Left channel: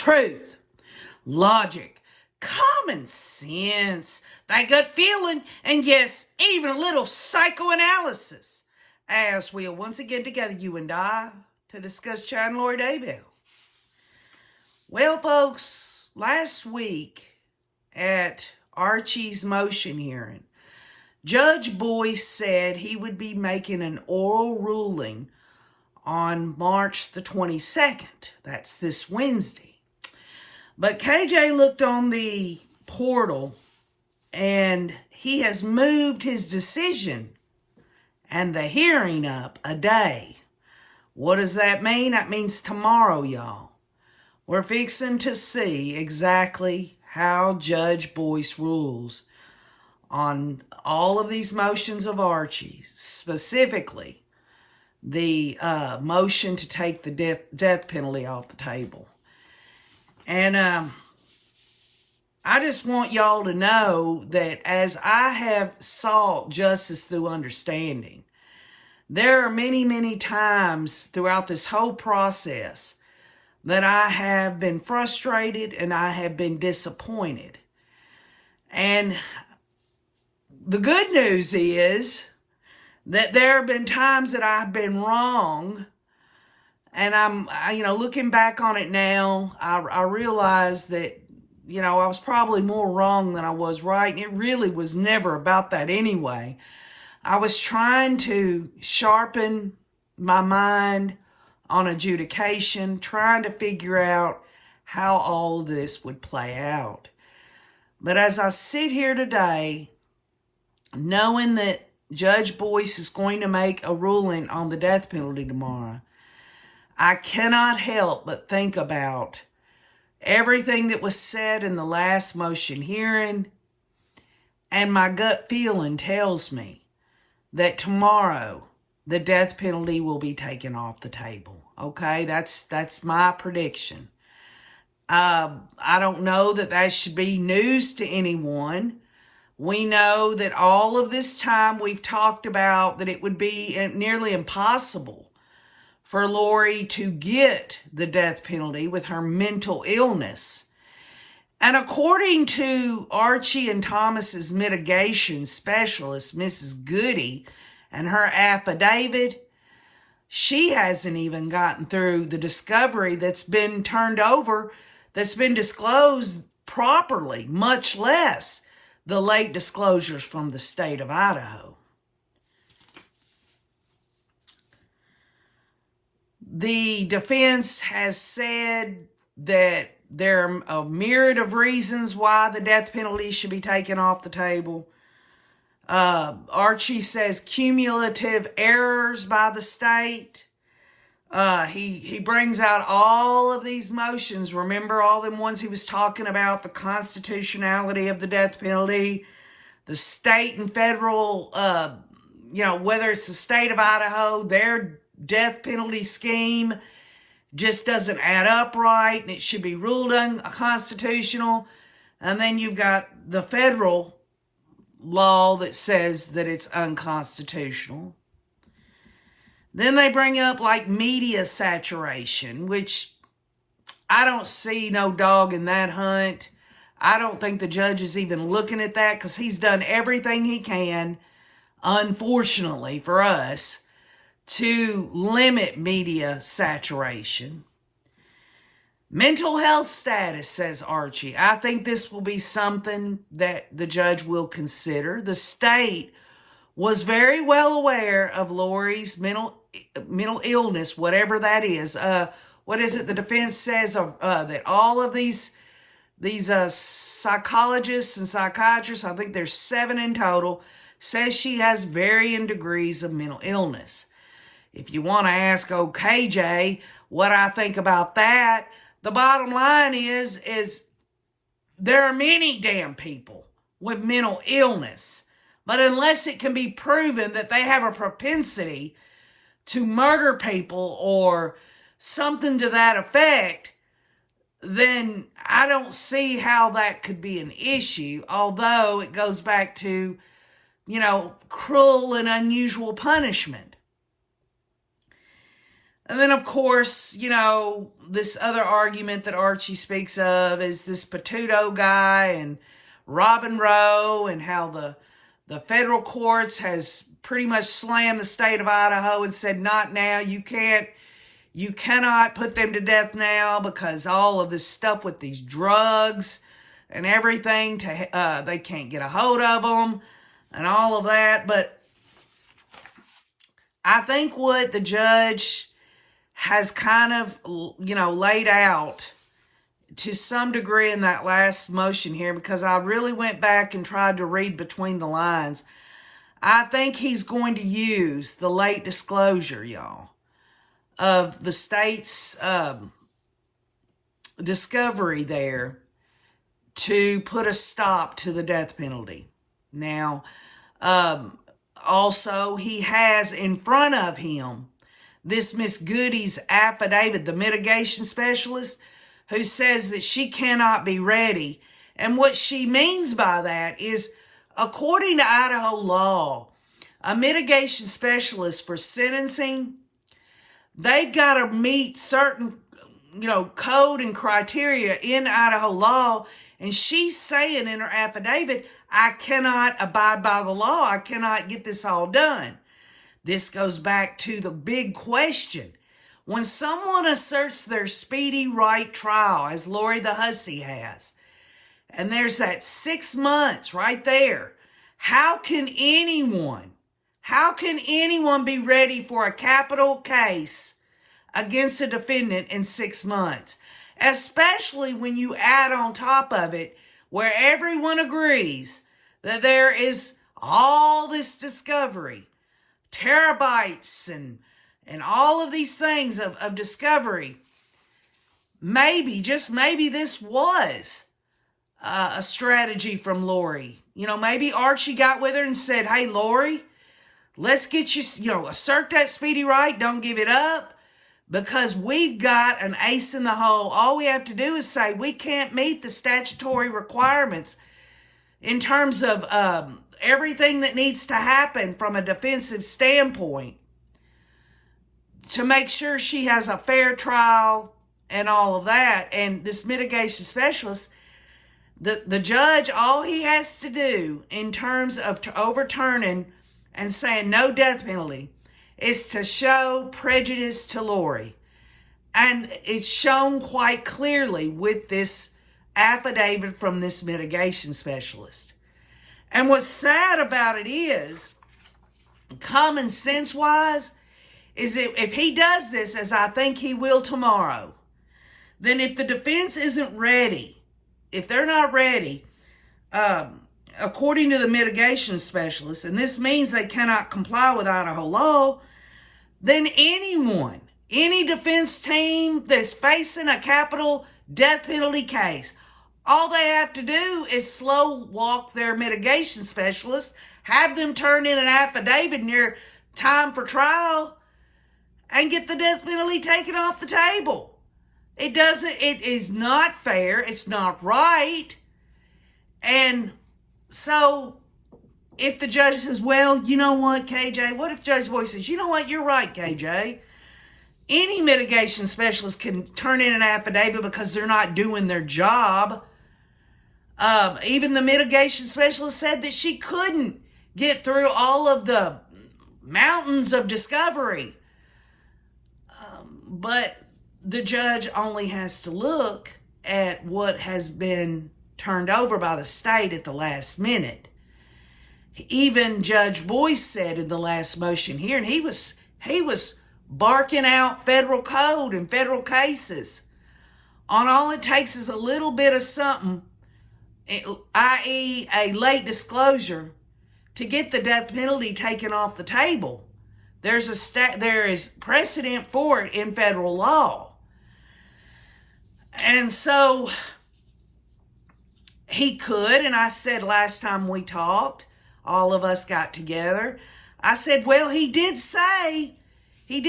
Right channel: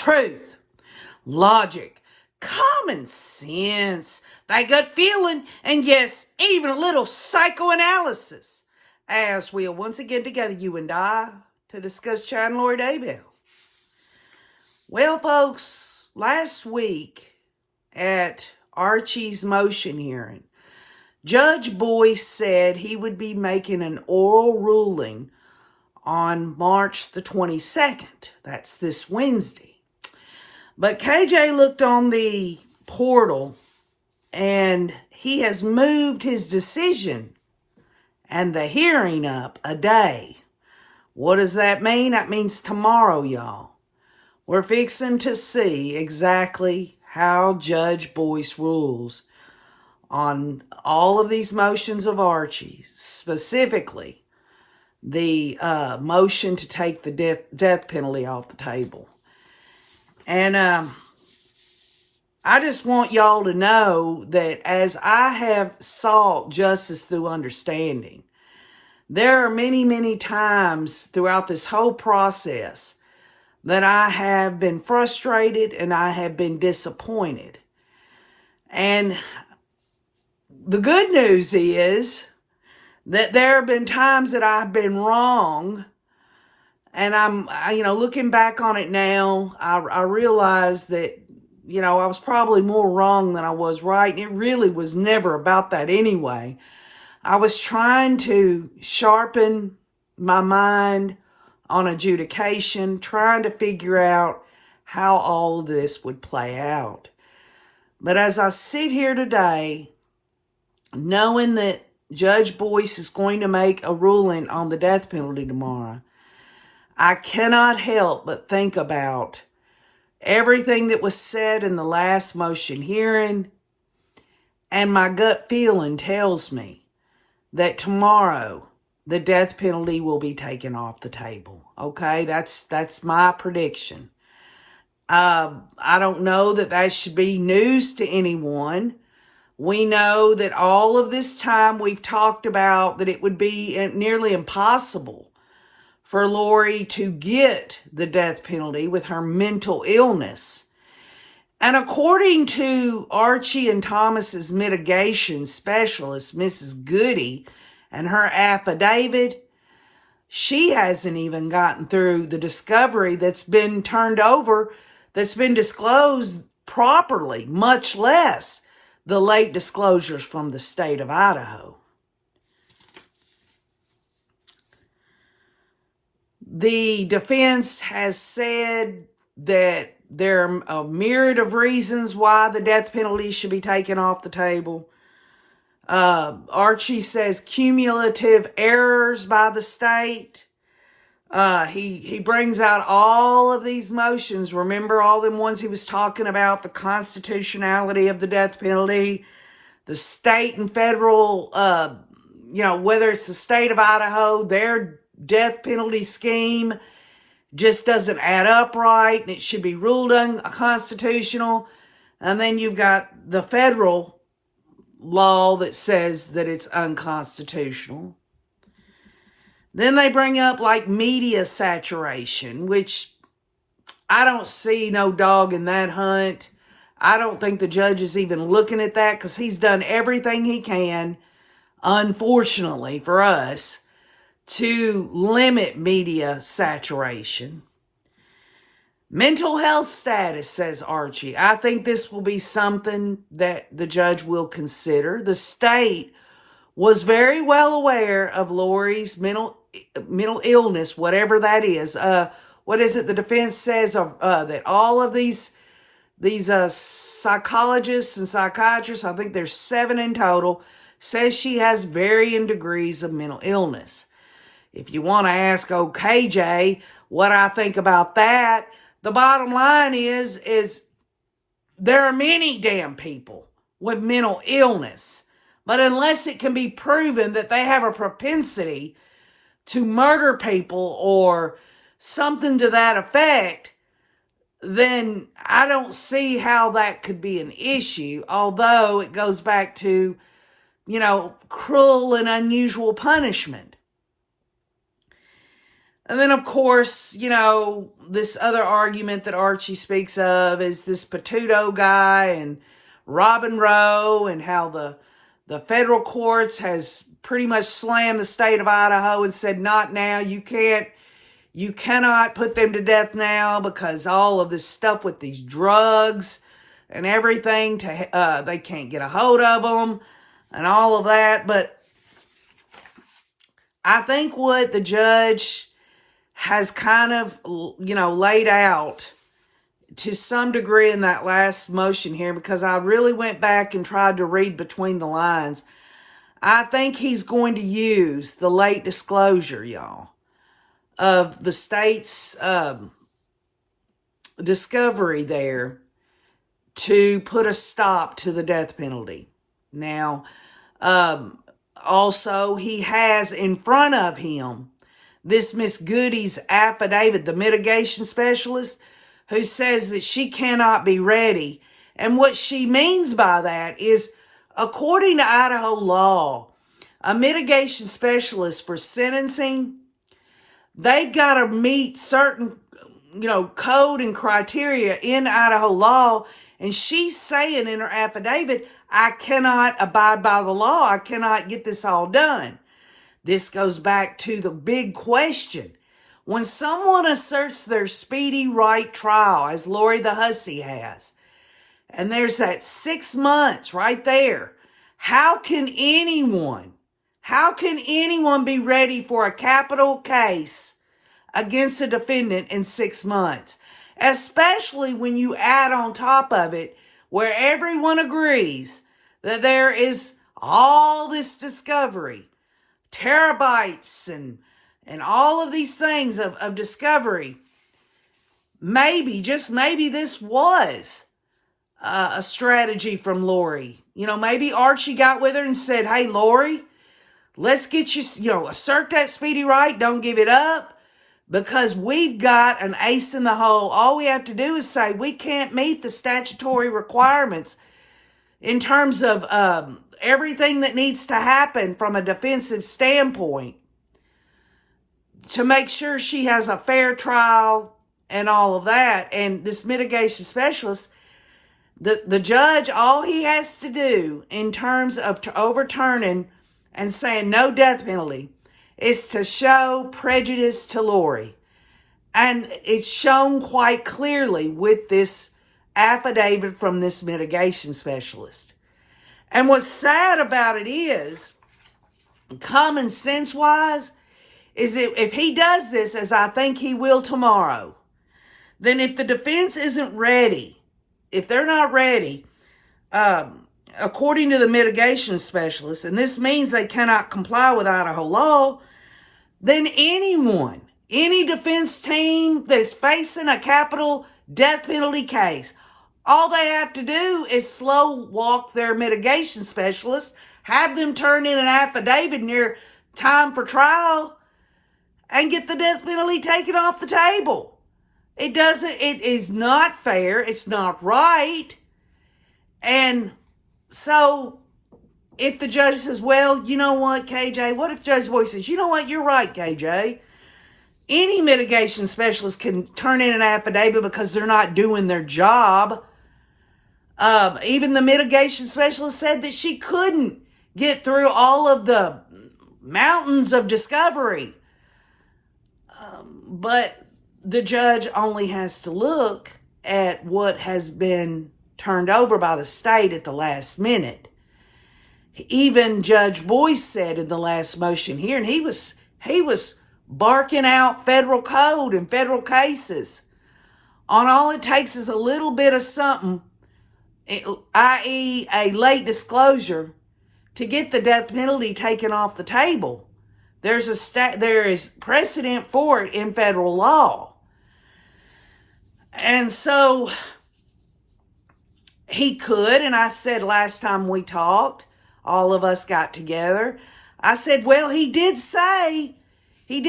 truth, logic, common sense, that gut feeling, and yes, even a little psychoanalysis, as we are once again together, you and I, to discuss Chad and Lori Daybell. Well, folks, last week at Archie's motion hearing, Judge Boyce said he would be making an oral ruling on March the 22nd. That's this Wednesday. But KJ looked on the portal and he has moved his decision and the hearing up a day. What does that mean? That means tomorrow, y'all. We're fixing to see exactly how Judge Boyce rules on all of these motions of Archie, specifically the motion to take the death penalty off the table. And I just want y'all to know that as I have sought justice through understanding, there are many, many times throughout this whole process that I have been frustrated and I have been disappointed. And the good news is that there have been times that I've been wrong, and I'm looking back on it now, I realize that, I was probably more wrong than I was right, and it really was never about that anyway. I was trying to sharpen my mind on adjudication, trying to figure out how all of this would play out. But as I sit here today, knowing that Judge Boyce is going to make a ruling on the death penalty tomorrow, I cannot help but think about everything that was said in the last motion hearing, and my gut feeling tells me that tomorrow the death penalty will be taken off the table. Okay, that's my prediction. I don't know that should be news to anyone. We know that all of this time we've talked about that it would be nearly impossible for Lori to get the death penalty with her mental illness. And according to Archie and Thomas's mitigation specialist, Mrs. Goody, and her affidavit, she hasn't even gotten through the discovery that's been turned over, that's been disclosed properly, much less the late disclosures from the state of Idaho. The defense has said that there are a myriad of reasons why the death penalty should be taken off the table. Archie says cumulative errors by the state. He brings out all of these motions. Remember all them ones he was talking about, the constitutionality of the death penalty, the state and federal, whether it's the state of Idaho, their death penalty scheme just doesn't add up right, and it should be ruled unconstitutional. And then you've got the federal law that says that it's unconstitutional. Then they bring up like media saturation, which I don't see no dog in that hunt. I don't think the judge is even looking at that because he's done everything he can, unfortunately for us, to limit media saturation. Mental health status, says Archie. I think this will be something that the judge will consider. The state was very well aware of Lori's mental illness, whatever that is. What is it the defense says that all of these psychologists and psychiatrists, I think there's 7 in total, says she has varying degrees of mental illness. If you want to ask KJ what I think about that, the bottom line is there are many damn people with mental illness, but unless it can be proven that they have a propensity to murder people or something to that effect, then I don't see how that could be an issue, although it goes back to, cruel and unusual punishment. And then, of course, this other argument that Archie speaks of is this Petuto guy and Robin Rowe, and how the federal courts has pretty much slammed the state of Idaho and said, not now, you cannot put them to death now, because all of this stuff with these drugs and everything, they can't get a hold of them and all of that. But I think what the judge has kind of, laid out to some degree in that last motion here, because I really went back and tried to read between the lines, I think he's going to use the late disclosure, y'all, of the state's discovery there to put a stop to the death penalty. Now, also, he has in front of him this Miss Goody's affidavit, the mitigation specialist, who says that she cannot be ready. And what she means by that is, according to Idaho law, a mitigation specialist for sentencing, they've got to meet certain, code and criteria in Idaho law. And she's saying in her affidavit, I cannot abide by the law. I cannot get this all done. This goes back to the big question. When someone asserts their speedy right trial, as Lori the Hussey has, and there's that 6 months right there, how can anyone be ready for a capital case against a defendant in 6 months? Especially when you add on top of it where everyone agrees that there is all this discovery, terabytes and all of these things of discovery. Maybe, just maybe, this was a strategy from Lori. Maybe Archie got with her and said, hey, Lori, let's get you, assert that speedy right. Don't give it up, because we've got an ace in the hole. All we have to do is say we can't meet the statutory requirements in terms of everything that needs to happen from a defensive standpoint to make sure she has a fair trial and all of that. And this mitigation specialist, the judge, all he has to do in terms of overturning and saying no death penalty is to show prejudice to Lori. And it's shown quite clearly with this affidavit from this mitigation specialist. And what's sad about it is, common sense wise, is if he does this, as I think he will tomorrow, then if the defense isn't ready, if they're not ready, according to the mitigation specialist, and this means they cannot comply with Idaho law, then any defense team that's facing a capital death penalty case, all they have to do is slow walk their mitigation specialist, have them turn in an affidavit near time for trial, and get the death penalty taken off the table. It is not fair. It's not right. And so if the judge says, well, you know what, KJ, what if Judge Boyd says, you know what, you're right, KJ. Any mitigation specialist can turn in an affidavit because they're not doing their job. Even the mitigation specialist said that she couldn't get through all of the mountains of discovery. But the judge only has to look at what has been turned over by the state at the last minute. Even Judge Boyce said in the last motion here, and he was barking out federal code and federal cases on all it takes is a little bit of something, i.e. a late disclosure, to get the death penalty taken off the table. There is precedent for it in federal law. And so he could, and I said last time we talked, all of us got together, I said, well, he did say he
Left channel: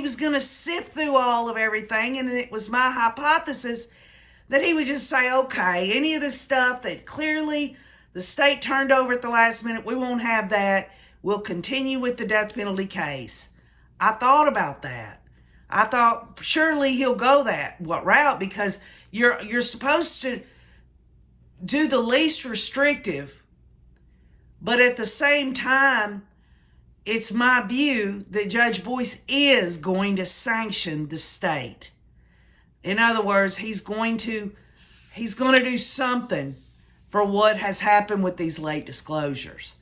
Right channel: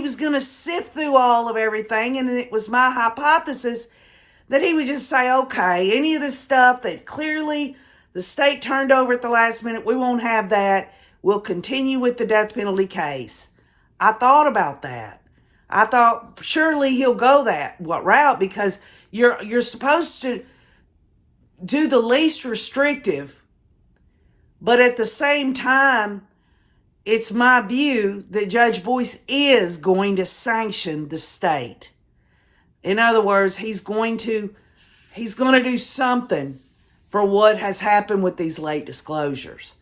was going to sift through all of everything, and it was my hypothesis that he would just say, okay, any of this stuff that clearly the state turned over at the last minute, we won't have that. We'll continue with the death penalty case. I thought about that. I thought surely he'll go that route, because you're supposed to do the least restrictive, but at the same time, it's my view that Judge Boyce is going to sanction the state. In other words, he's going to do something for what has happened with these late disclosures.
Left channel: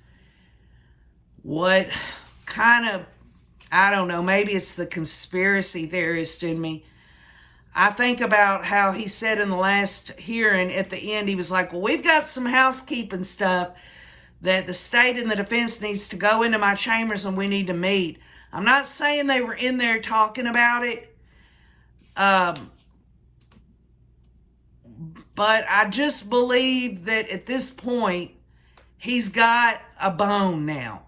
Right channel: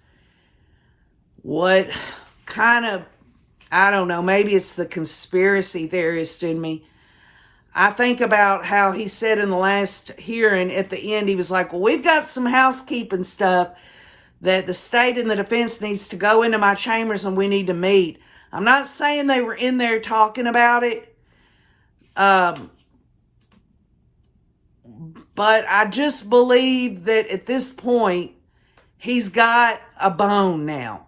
What kind of, I don't know, maybe it's the conspiracy theorist in me. I think about how he said in the last hearing at the end, he was like, well, we've got some housekeeping stuff that the state and the defense needs to go into my chambers and we need to meet. I'm not saying they were in there talking about it. But I just believe that at this point, he's got a bone now.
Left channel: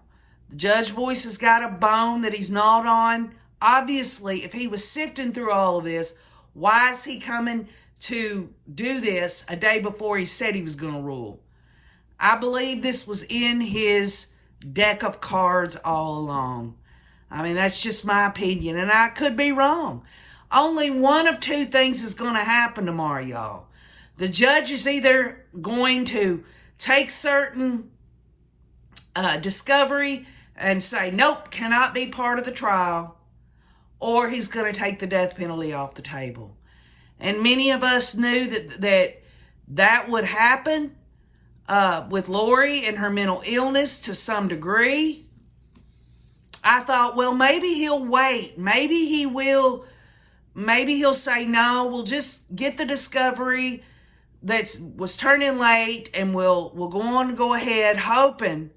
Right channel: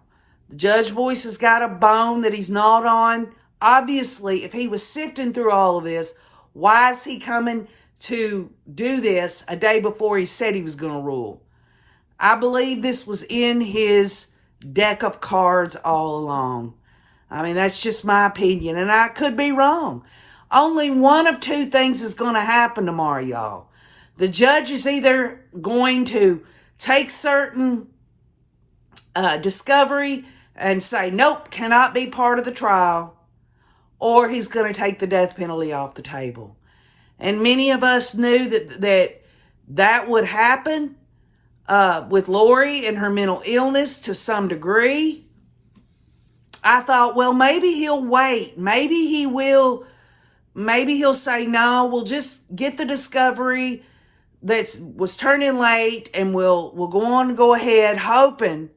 Judge Boyce has got a bone that he's gnawed on. Obviously, if he was sifting through all of this, why is he coming to do this a day before he said he was going to rule? I believe this was in his deck of cards all along. I mean, that's just my opinion, and I could be wrong. Only one of two things is going to happen tomorrow, y'all. The judge is either going to take certain discovery and say, nope, cannot be part of the trial, or he's going to take the death penalty off the table. And many of us knew that would happen with Lori and her mental illness to some degree. I thought, well, maybe he'll wait. Maybe he'll say, no, we'll just get the discovery that was turning late, and we'll go ahead, hoping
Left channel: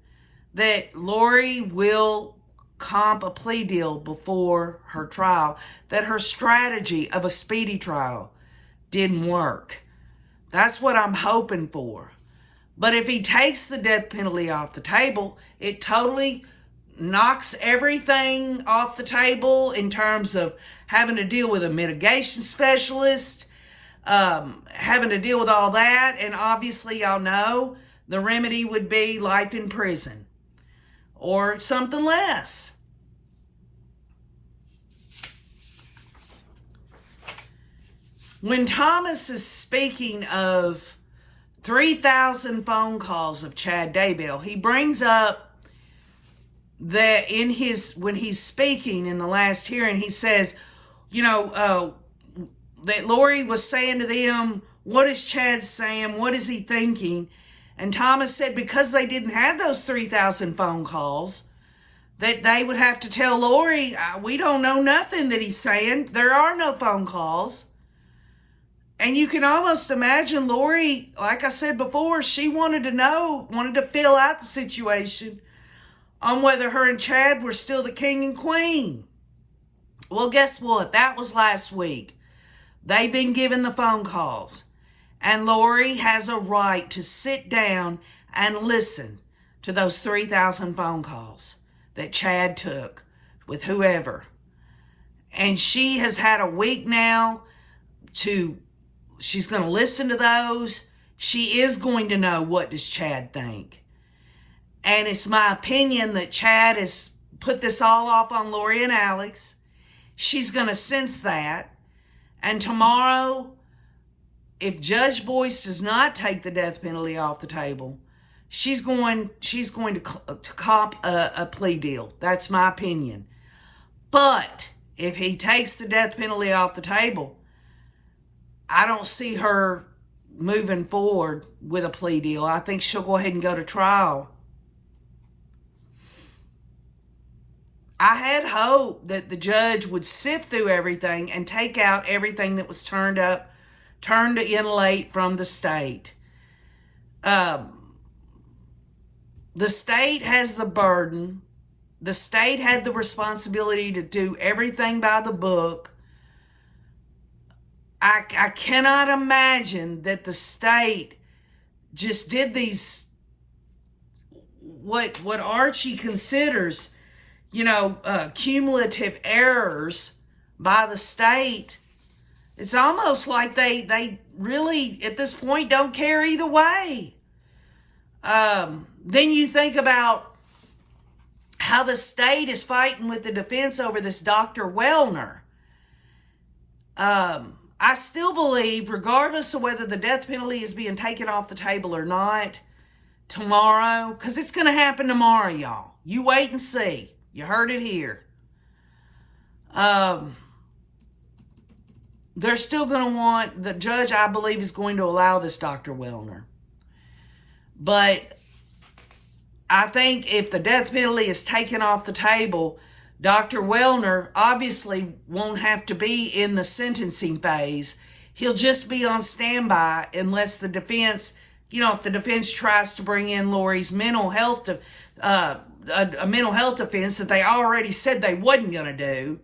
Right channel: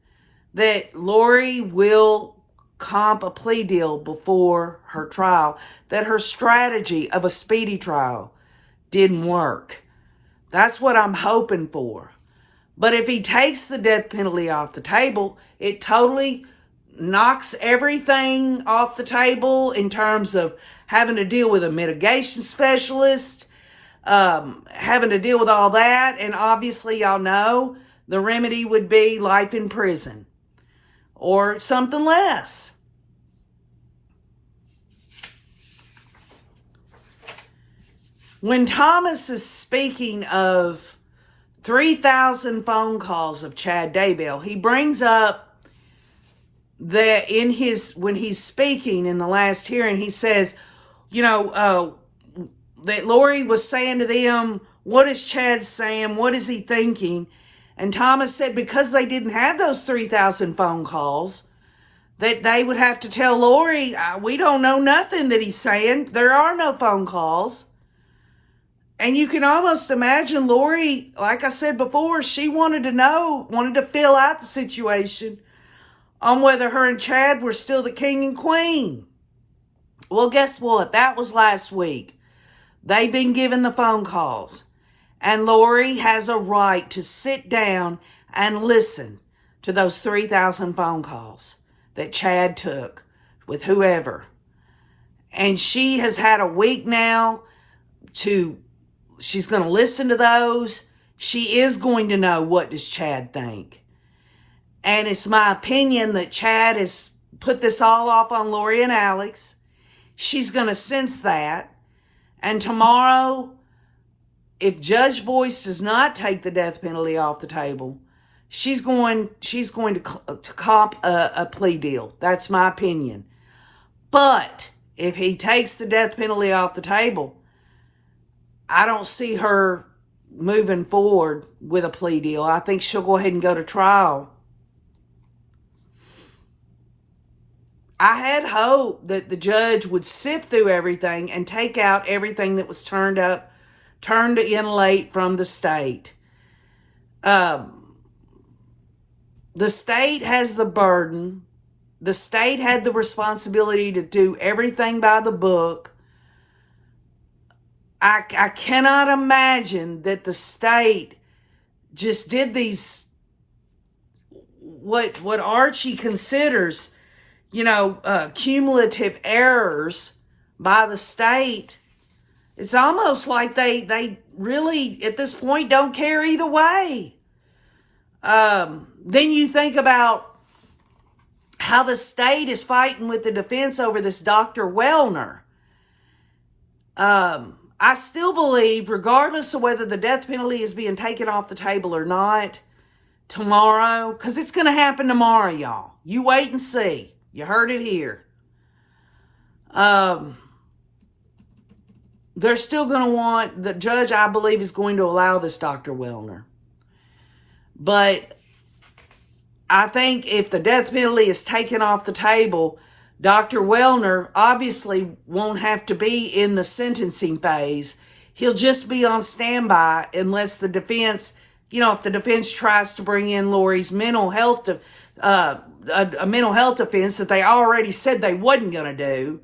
that Lori will comp a plea deal before her trial, that her strategy of a speedy trial didn't work. That's what I'm hoping for. But if he takes the death penalty off the table, it totally knocks everything off the table in terms of having to deal with a mitigation specialist, having to deal with all that. And obviously, y'all know the remedy would be life in prison or something less. When Thomas is speaking of 3,000 phone calls of Chad Daybell, he brings up that when he's speaking in the last hearing, he says, that Lori was saying to them, what is Chad saying? What is he thinking? And Thomas said because they didn't have those 3,000 phone calls, that they would have to tell Lori, we don't know nothing that he's saying. There are no phone calls. And you can almost imagine Lori, like I said before, she wanted to fill out the situation on whether her and Chad were still the king and queen. Well, guess what? That was last week. They've been given the phone calls. And Lori has a right to sit down and listen to those 3,000 phone calls that Chad took with whoever. And she has had a week now she's going to listen to those. She is going to know, what does Chad think? And it's my opinion that Chad has put this all off on Lori and Alex. She's going to sense that. And tomorrow, if Judge Boyce does not take the death penalty off the table, she's going to comp a plea deal. That's my opinion. But if he takes the death penalty off the table, I don't see her moving forward with a plea deal. I think she'll go ahead and go to trial. I had hope that the judge would sift through everything and take out everything that was turned in late from the state. The state has the burden. The state had the responsibility to do everything by the book. I cannot imagine that the state just did these, what Archie considers, cumulative errors by the state. It's almost like they really, at this point, don't care either way. Then you think about how the state is fighting with the defense over this Dr. Wellner. I still believe, regardless of whether the death penalty is being taken off the table or not, tomorrow, because it's going to happen tomorrow, y'all. You wait and see. You heard it here. They're still going to want, the judge, I believe, is going to allow this Dr. Wellner. But I think if the death penalty is taken off the table, Dr. Wellner obviously won't have to be in the sentencing phase. He'll just be on standby unless the defense, if the defense tries to bring in Lori's mental health, a mental health defense that they already said they wasn't going to do.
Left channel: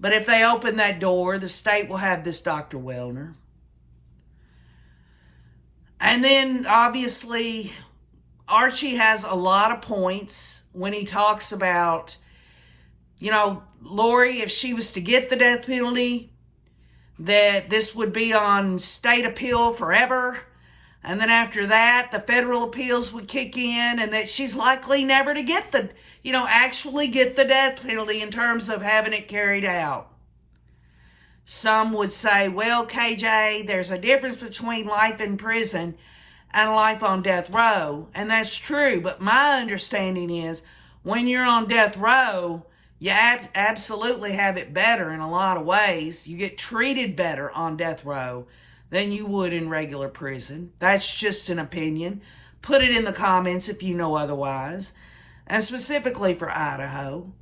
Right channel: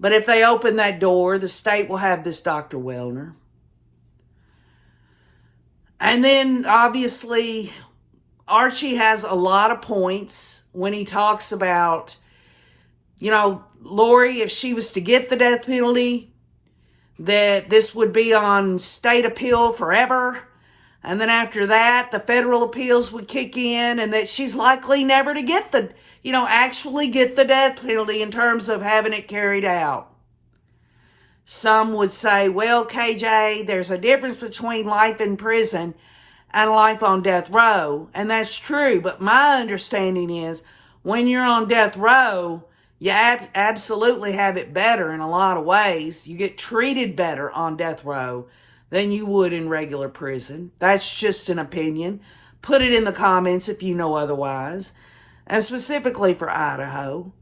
But if they open that door, the state will have this Dr. Wellner. And then, obviously, Archie has a lot of points when he talks about, Lori, if she was to get the death penalty, that this would be on state appeal forever. And then after that, the federal appeals would kick in, and that she's likely never to get actually get the death penalty in terms of having it carried out. Some would say, well, KJ, there's a difference between life in prison and life on death row. And that's true. But my understanding is when you're on death row, you absolutely have it better in a lot of ways. You get treated better on death row than you would in regular prison. That's just an opinion. Put it in the comments if you know otherwise. And specifically for Idaho.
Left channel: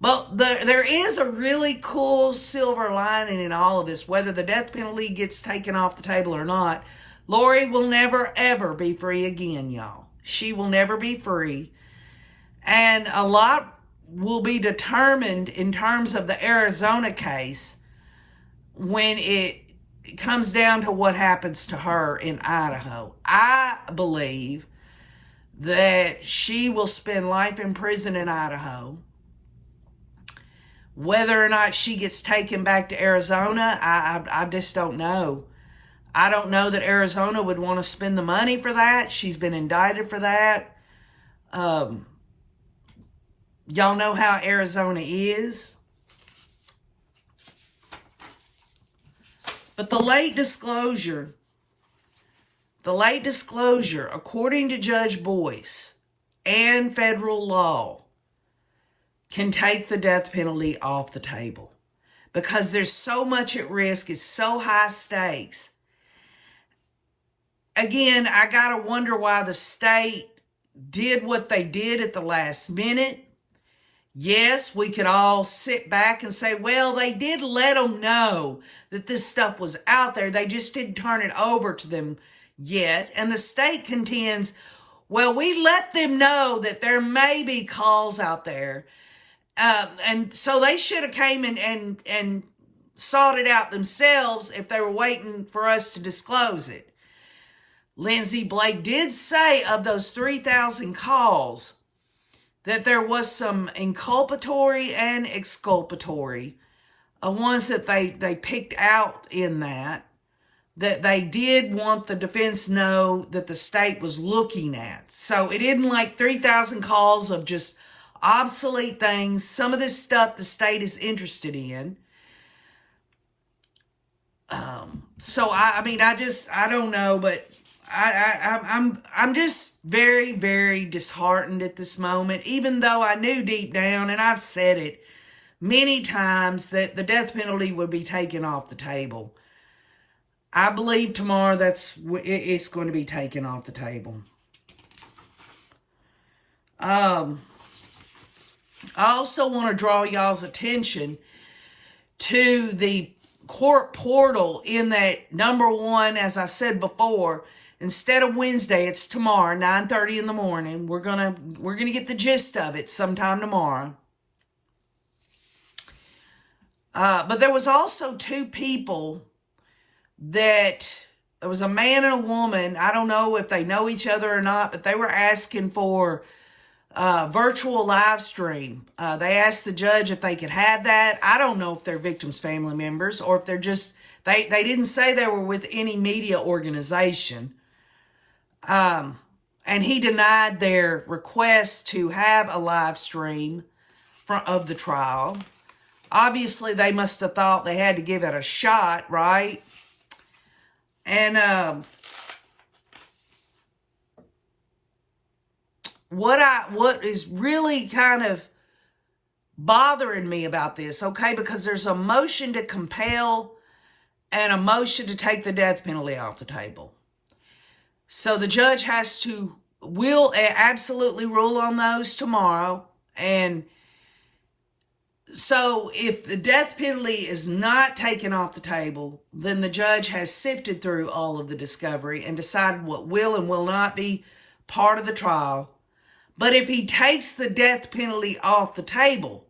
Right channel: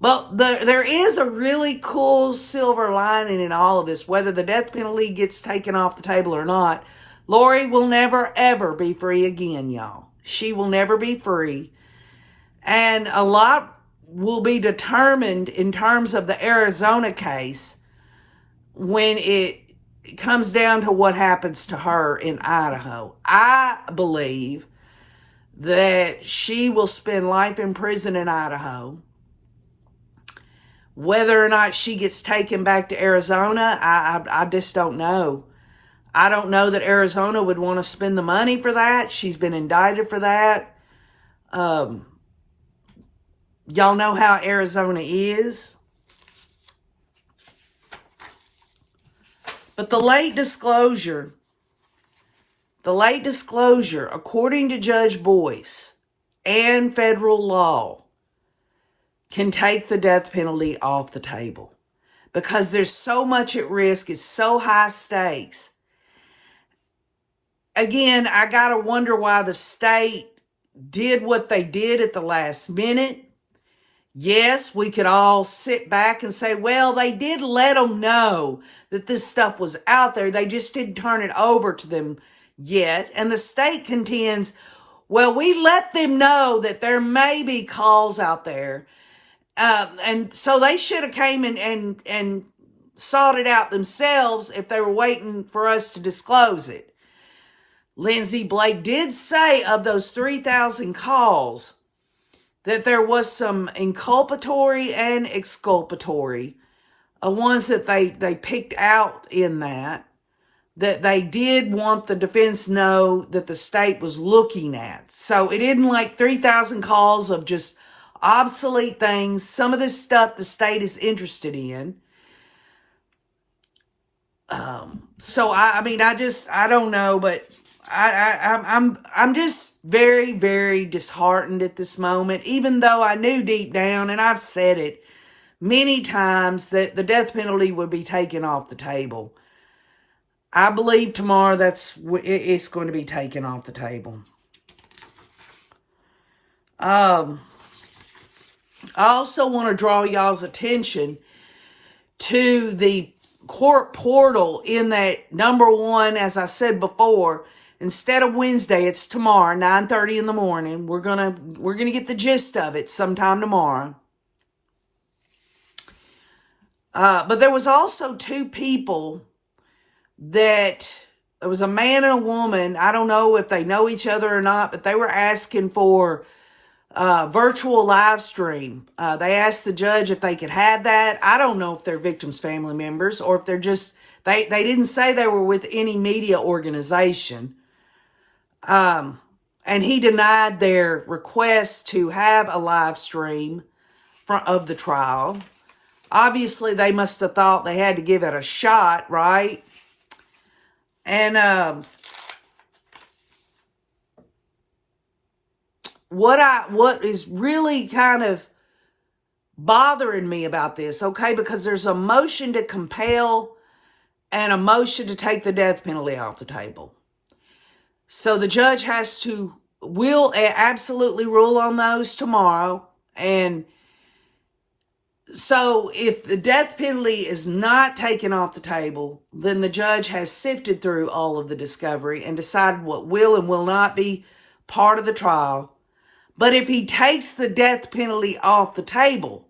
But there is a really cool silver lining in all of this, whether the death penalty gets taken off the table or not. Lori will never, ever be free again, y'all. She will never be free. And a lot will be determined in terms of the Arizona case when it comes down to what happens to her in Idaho. I believe that she will spend life in prison in Idaho. Whether or not she gets taken back to Arizona, I just don't know. I don't know that Arizona would want to spend the money for that. She's been indicted for that. Y'all know how Arizona is. But the late disclosure, according to Judge Boyce and federal law, can take the death penalty off the table because there's so much at risk. It's so high stakes. Again, I got to wonder why the state did what they did at the last minute. Yes, we could all sit back and say, well, they did let them know that this stuff was out there. They just didn't turn it over to them yet. And the state contends, well, we let them know that there may be calls out there. And so they should have came and sought it out themselves if they were waiting for us to disclose it. Lindsay Blake did say of those 3,000 calls that there was some inculpatory and exculpatory ones that they picked out in that they did want the defense know that the state was looking at. So it isn't like 3,000 calls of just obsolete things. Some of this stuff the state is interested in. So I don't know, but I'm just very, very disheartened at this moment, even though I knew deep down, and I've said it many times, that the death penalty would be taken off the table. I believe tomorrow it's going to be taken off the table. I also want to draw y'all's attention to the court portal in that number one, as I said before, instead of Wednesday, it's tomorrow, 9:30 in the morning. We're gonna get the gist of it sometime tomorrow. But there was also two people that, there was a man and a woman. I don't know if they know each other or not, but they were asking for virtual live stream. They asked the judge if they could have that. I don't know if they're victims' family members or if they're just, they didn't say they were with any media organization. And he denied their request to have a live stream of the trial. Obviously, they must have thought they had to give it a shot, right? And what is really kind of bothering me about this, okay, because there's a motion to compel and a motion to take the death penalty off the table. So the judge will absolutely rule on those tomorrow. And so if the death penalty is not taken off the table, then the judge has sifted through all of the discovery and decided what will and will not be part of the trial. But if he takes the death penalty off the table,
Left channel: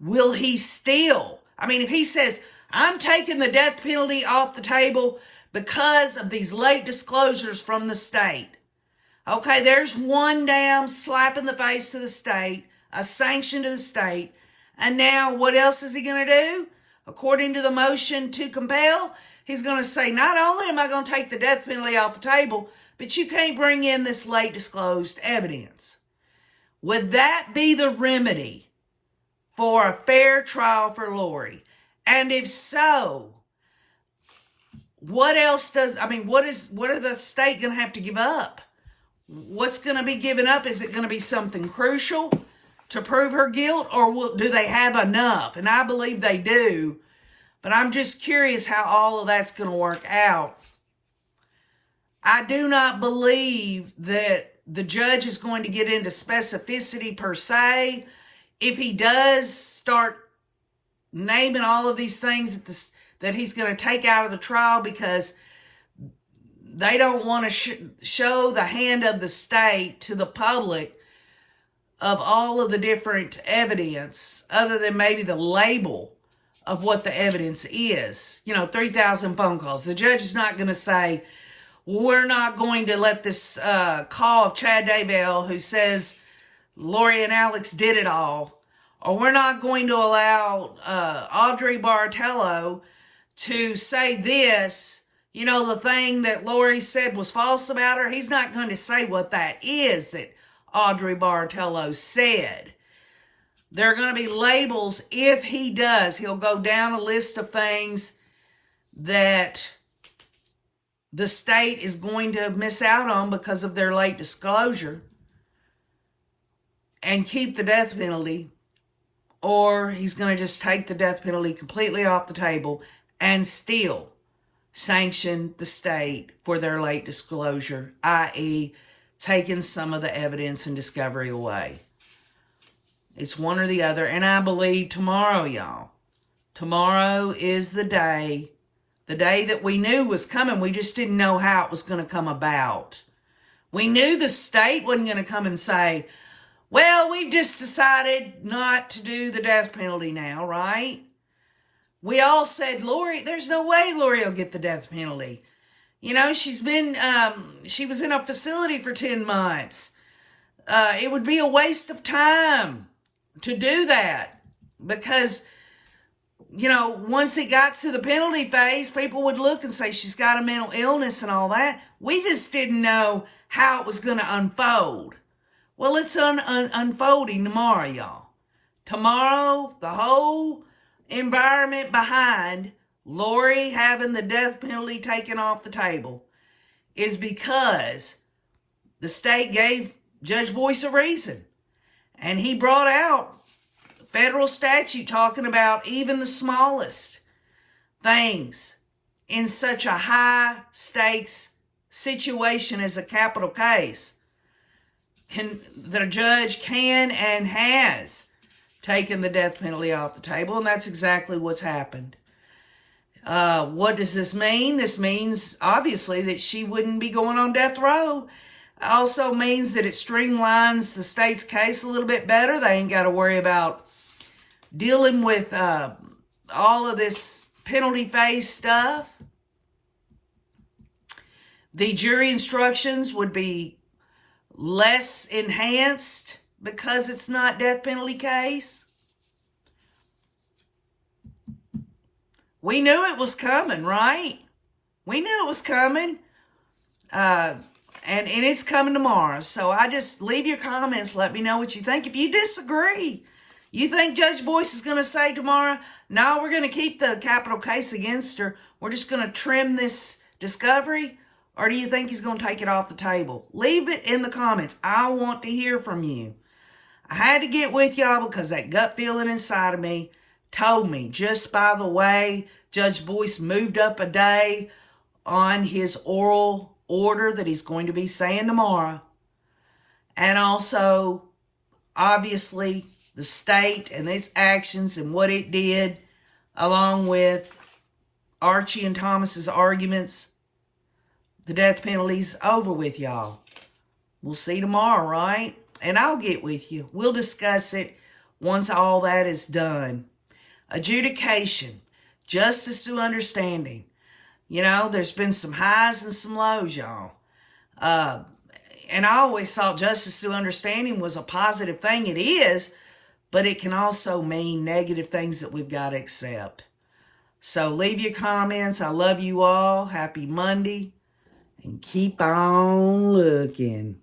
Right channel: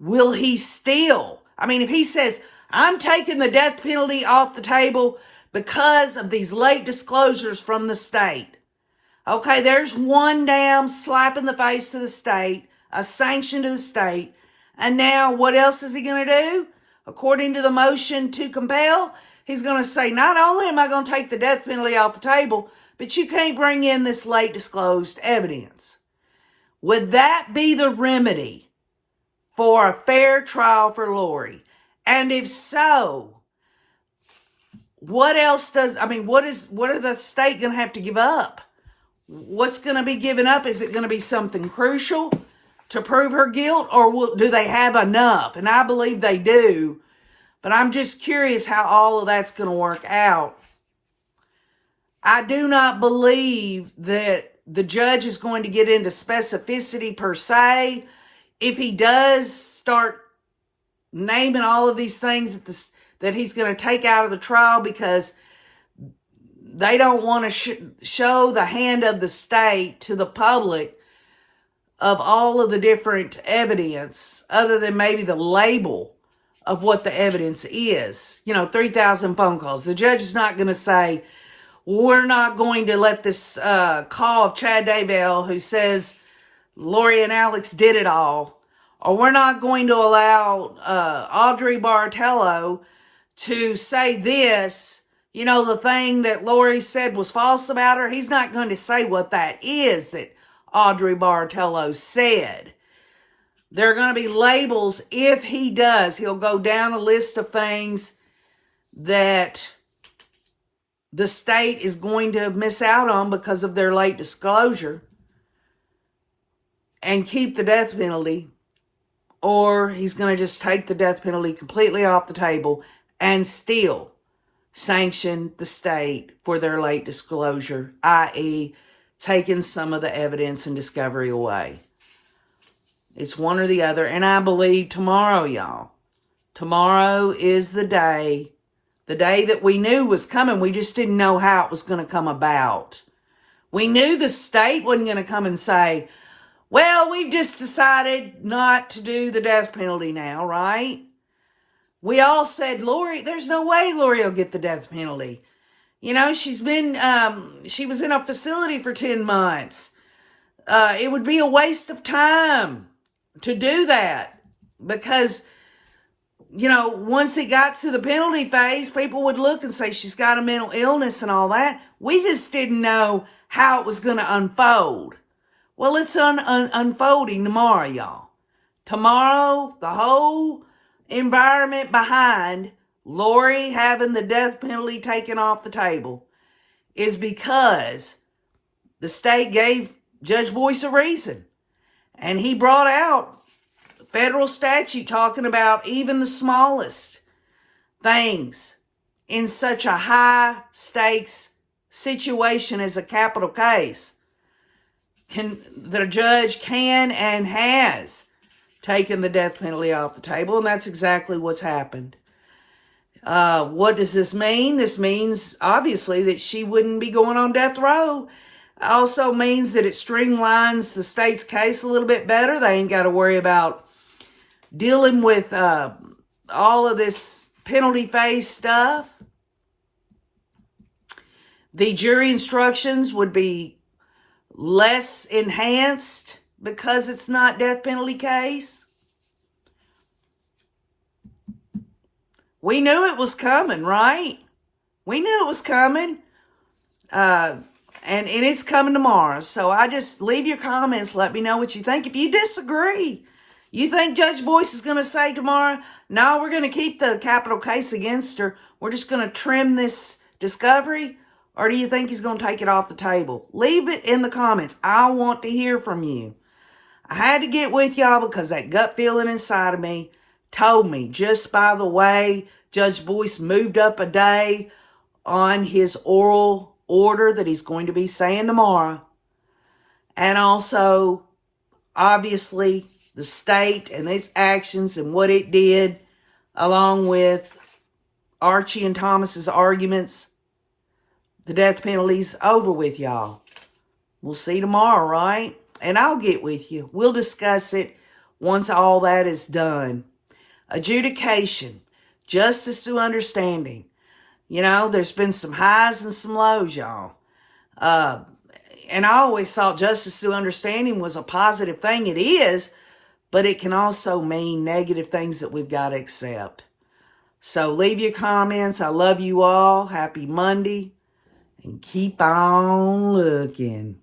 will he still, if he says, I'm taking the death penalty off the table because of these late disclosures from the state. Okay, there's one damn slap in the face to the state, a sanction to the state. And now what else is he going to do? According to the motion to compel, he's going to say, not only am I going to take the death penalty off the table, but you can't bring in this late disclosed evidence. Would that be the remedy for a fair trial for Lori? And if so, what else what are the state going to have to give up? What's going to be given up? Is it going to be something crucial to prove her guilt, or do they have enough? And I believe they do, but I'm just curious how all of that's going to work out. I do not believe that the judge is going to get into specificity per se. If he does start naming all of these things that he's going to take out of the trial because they don't want to show the hand of the state to the public of all of the different evidence, other than maybe the label of what the evidence is. 3,000 phone calls. The judge is not going to say, we're not going to let this call of Chad Daybell who says Lori and Alex did it all, or we're not going to allow Audrey Bartello to say this, the thing that Lori said was false about her. He's not going to say what that is that Audrey Bartello said. There are going to be labels. If he does, he'll go down a list of things that the state is going to miss out on because of their late disclosure, and keep the death penalty, or he's going to just take the death penalty completely off the table and still sanction the state for their late disclosure, i.e., taking some of the evidence and discovery away. It's one or the other. And I believe tomorrow, y'all, tomorrow is the day that we knew was coming. We just didn't know how it was going to come about. We knew the state wasn't going to come and say, well, we've just decided not to do the death penalty now, right? We all said, Lori, there's no way Lori will get the death penalty. She was in a facility for 10 months. It would be a waste of time to do that because, once it got to the penalty phase, people would look and say she's got a mental illness and all that. We just didn't know how it was going to unfold. Well, it's unfolding tomorrow, y'all. Tomorrow, the whole environment behind Lori having the death penalty taken off the table is because the state gave Judge Boyce a reason. And he brought out federal statute talking about even the smallest things in such a high stakes situation as a capital case. The judge can and has taken the death penalty off the table, and that's exactly what's happened. What does this mean? This means, obviously, that she wouldn't be going on death row. Also means that it streamlines the state's case a little bit better. They ain't got to worry about dealing with all of this penalty phase stuff. The jury instructions would be less enhanced because it's not death penalty case. We knew it was coming, right? We knew it was coming. And it's coming tomorrow. So I just leave your comments. Let me know what you think. If you disagree, You think Judge Boyce is going to say tomorrow, no, we're going to keep the capital case against her. We're just going to trim this discovery? Or do you think he's going to take it off the table? Leave it in the comments. I want to hear from you. I had to get with y'all because that gut feeling inside of me told me, just by the way Judge Boyce moved up a day on his oral order that he's going to be saying tomorrow, and also, obviously, the state and its actions and what it did, along with Archie and Thomas's arguments, the death penalty's over with, y'all. We'll see tomorrow, right? And I'll get with you. We'll discuss it once all that is done. Adjudication, justice through understanding. You know, there's been some highs and some lows, y'all. And I always thought justice through understanding was a positive thing. It is, but it can also mean negative things that we've got to accept. So leave your comments. I love you all. Happy Monday. And keep on looking.